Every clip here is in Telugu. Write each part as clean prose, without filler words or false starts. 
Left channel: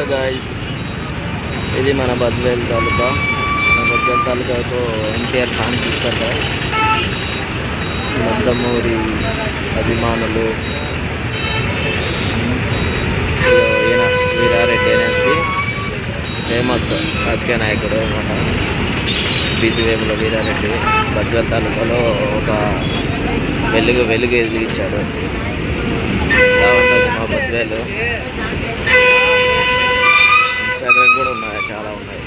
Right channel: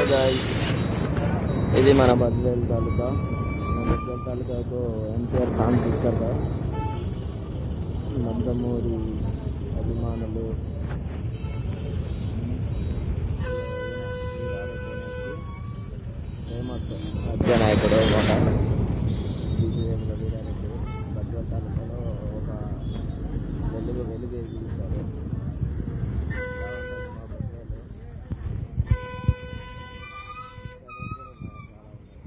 హలో గాయస్, ఇది మన బద్వేల్ తాలూకా. మన బద్వేల్ తాలూకాకు ఎన్టీఆర్ ఫ్యాన్ చూస్తారు కదా, నందమూరి అభిమానులు. ఈయన వీరారెడ్డి అనేసి ఫేమస్ రాజకీయ నాయకుడు అన్నమాట. బీసీవేపుల వీరారెడ్డి బద్వేల్ తాలూకాలో ఒక వెలుగు వెలిగించాడు. ఇలా ఉంటుంది మా బద్వేలు. ఇన్స్టాగ్రామ్ కూడా ఉన్నాయి, చాలా ఉన్నాయి.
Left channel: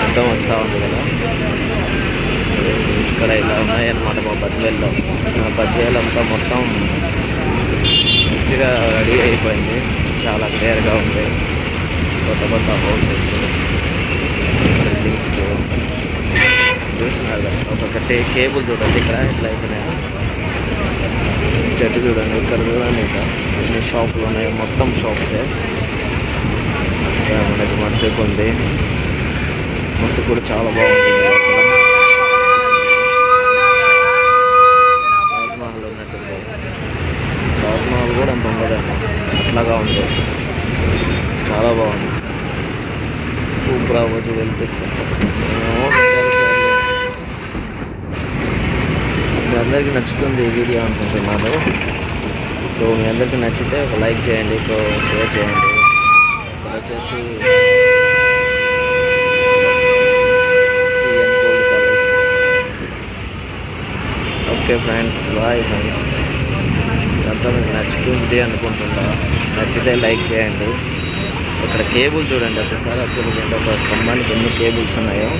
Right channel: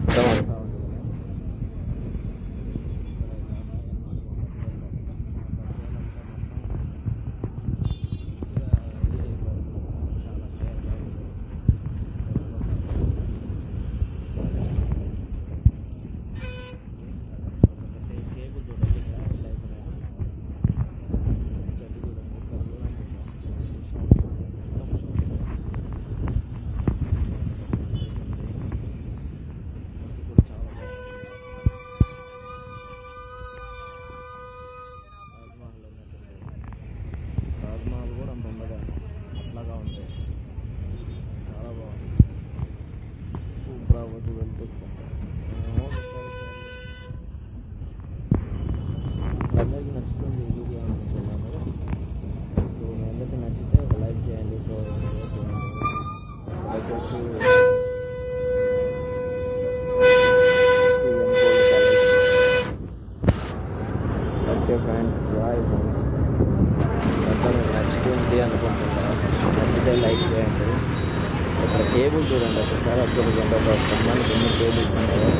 మొత్తం వస్తూ ఉంది కదా. ఇక్కడ ఇలా ఉన్నాయన్నమాట మా బద్వేల్లో. మా బద్వేల్ అంతా మొత్తం మంచిగా రెడీ అయిపోయింది, చాలా క్లియర్గా ఉంది. కొత్త కొత్త హౌసెస్, బిల్డింగ్స్ చూస్తున్నారు కదా. ఒక్కొక్కటి కేబుల్ చూడండి, ఇక్కడ ఇట్లా అయిపోయినాయి. చెట్టు చూడండి, ఇక్కడ చూడండి. ఇంకా ఎన్ని షాపులు ఉన్నాయి, మొత్తం షాప్సే. మనకి మసీద్ ఉంది, మసీద్ కూడా చాలా బాగుంటుంది. లోపల తాజ్మహల్ ఉన్నట్టుంది. తాజ్మహల్ కూడా అంత ఉండదండి, అట్లాగా ఉంది. చాలా బాగుంది. ఊపిరి అవ్వచ్చు వెళ్పిస్తాను. మీ అందరికీ నచ్చుతుంది ఈ వీడియో అనుకుంటున్నాను. సో మీ అందరికీ నచ్చితే ఒక లైక్ చేయండి, షేర్ చేయండి. వచ్చేసి ఓకే ఫ్రెండ్స్, బాయ్ ఫ్రెండ్స్. ఇదంతా మీకు నచ్చుతుంది అనుకుంటున్నా. నచ్చితే లైక్ చేయండి. ఇక్కడ కేబుల్ చూడండి, ఒకసారి అబ్జర్వ్ చేయండి. ఒక స్తంభానికి ఎన్ని కేబుల్స్ ఉన్నాయో.